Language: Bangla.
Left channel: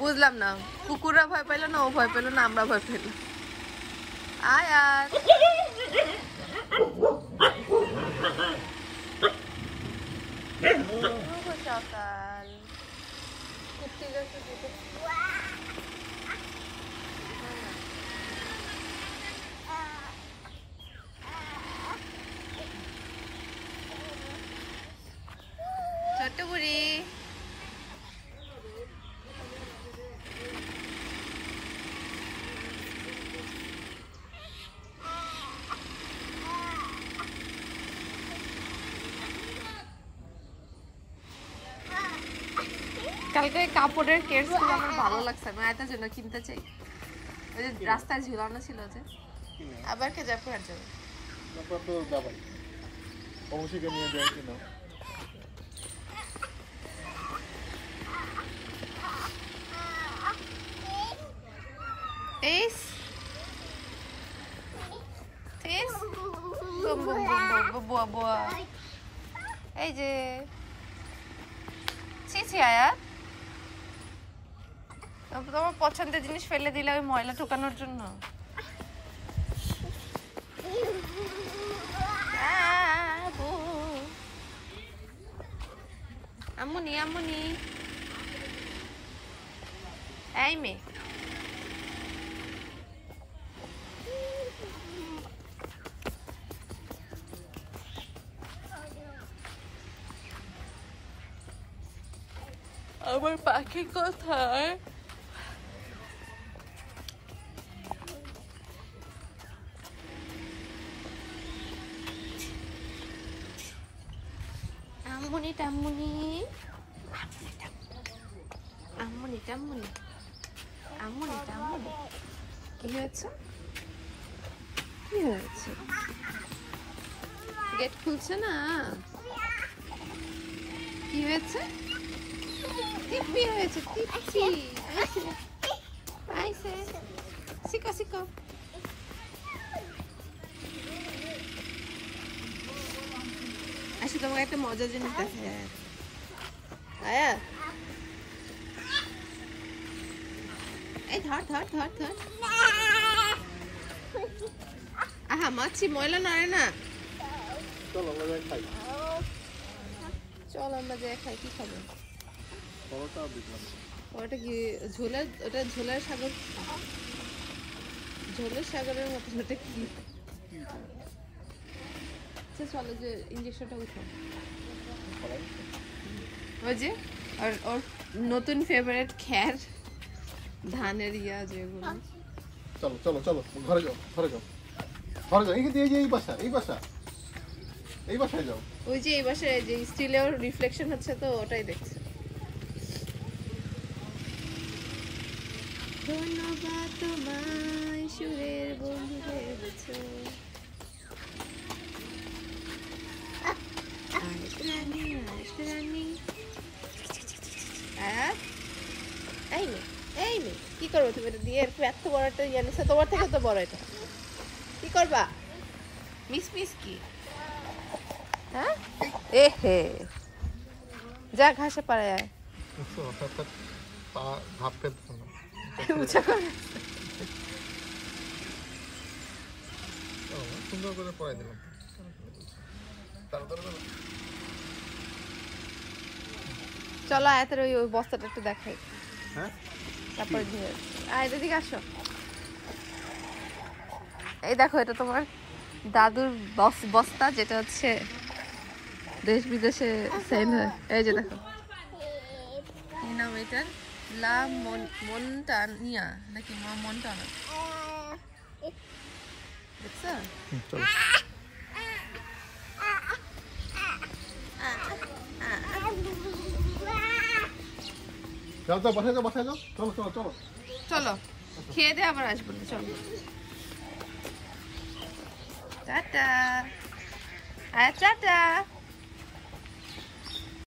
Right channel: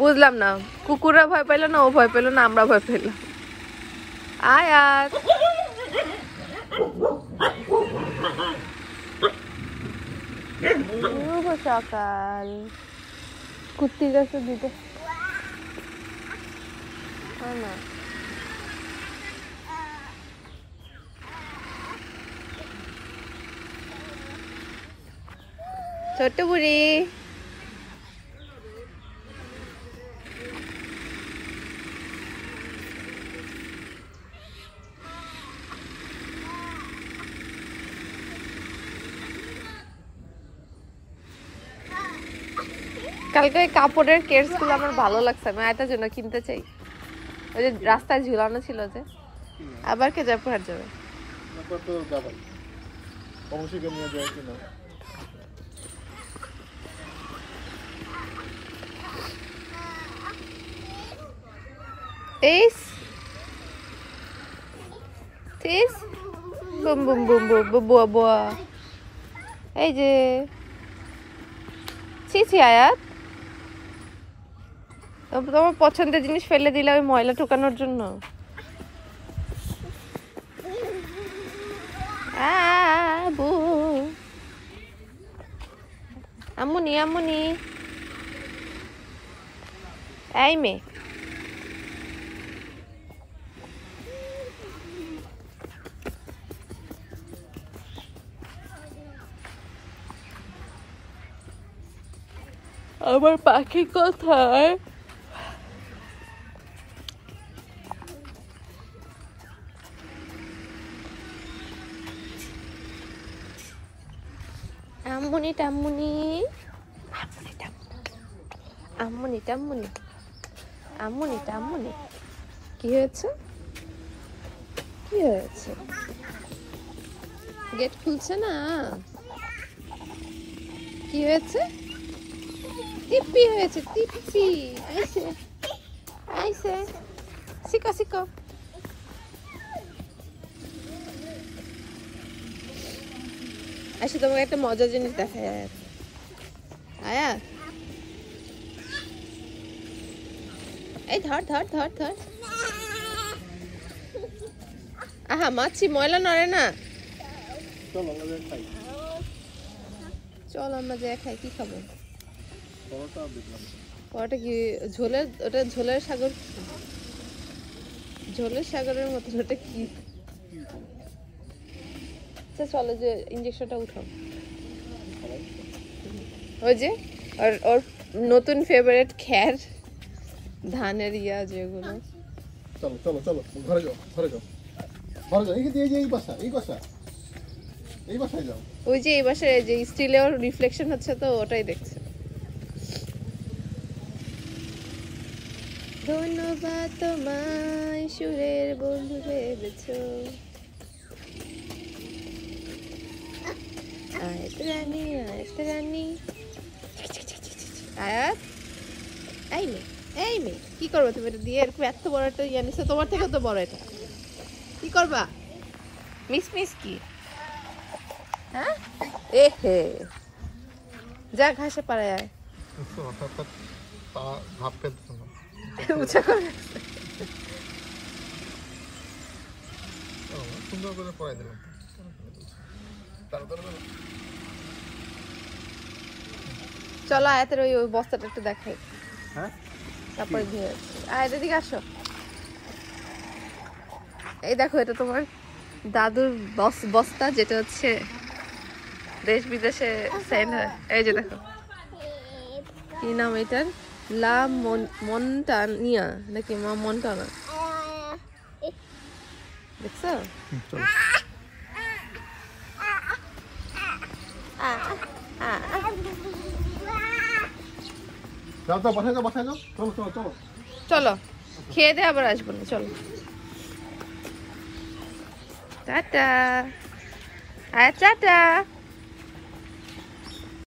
বুঝলাম না, কুকুররা ভয় পেল না, ও ভয় পেল না, আমরা ভয় পেলাম। আয় আর সকাল কুত্তি গাছে দিতে ছোট্ট বুড়ি কালকে কাপড়ের কেস গুলো আমার ভালো লাগছে, আমি এটার জন্য কিনতে চাই। ওই যে রাস্তায় ঝুলানো ছিল যে, আবার কে যাবে আর যাবে এই যে আয়াত তোমার পছন্দের জিনিস ফেলে দিলে ওই ময়লা ঠোকানোর জন্য। আম্মুনি আম্মুনি এই মেয়ে আমার পাখি কোথায়? আম্মুনি টাম্মুনি আম্মুনি টাম্মুনি আম্মুনি টাম্মুনি কি হয়েছে? কি হয়েছে? গেট খুলছে না? কি হয়েছে? টিপি হয়েছে, টিপি আইছে আইছে শিখো শিখো। আচ্ছা তোমাকে একটা মজার জিনিস দেখায় আয়া, এই ধর ধর ধর ধর। আহা মাছি ময়লা নড়ে না। চল আমরা যাই খাই। কি খাবো? পরোটা কি ঝোলের? ওটা ঝোলের সাগর, ঝোলের সাগরের মতো। ওটা কি? চলো যে ইঞ্জেকশনটা উঠাও। ওই যে ওর নতুন ফেভারিট খ্যার ধানের ইয়া যেগুলো। চলো চলো চলো ঘরে যাও, ঘরে যাও, ঘরে যাও। এই বাসা, এই বাসা, এই বাসায় যাও। ওই যে এই বাসায় যে স্টিলের রিফ্লেকশন হচ্ছে তো ওটাই দেখছে। ধন্যবাদ তোমায় সুরের বন্ধু ভেবেছো। আয়াত রানী আয়াত রানী আয়াত এই মেয়ে এই মেয়ে কি করবো তুমি? এটা দিয়ে এরকম এত বড় একটা জানিস, তোমার থেকে তো বড় এটা। কি করবা? মিস মিস কি? হ্যাঁ এ হে যা ঘাসে পারে আয়। ভাব ফেলতে না, সুন্দর করে পড়াই দিলাম। চলো আয়াতের ওই ওই বস্তাটা একটু দেখাই। হ্যাঁ তারপরে দিয়ে আয়াত এদিকে আসো। এই দেখো এটা তোমার দাদুর বস্তা, যেটা হচ্ছে দেশ বিদেশে সেল হয়। এই যে দেখো কি নাম এটার? লা মন্টানিয়া নাকি মন্টানা, দেখছো? বাসায় যাও, চলো চলো চলো চলো খেয়ে দে আবার আসবো না। চলো টাটা আয়া টাটা।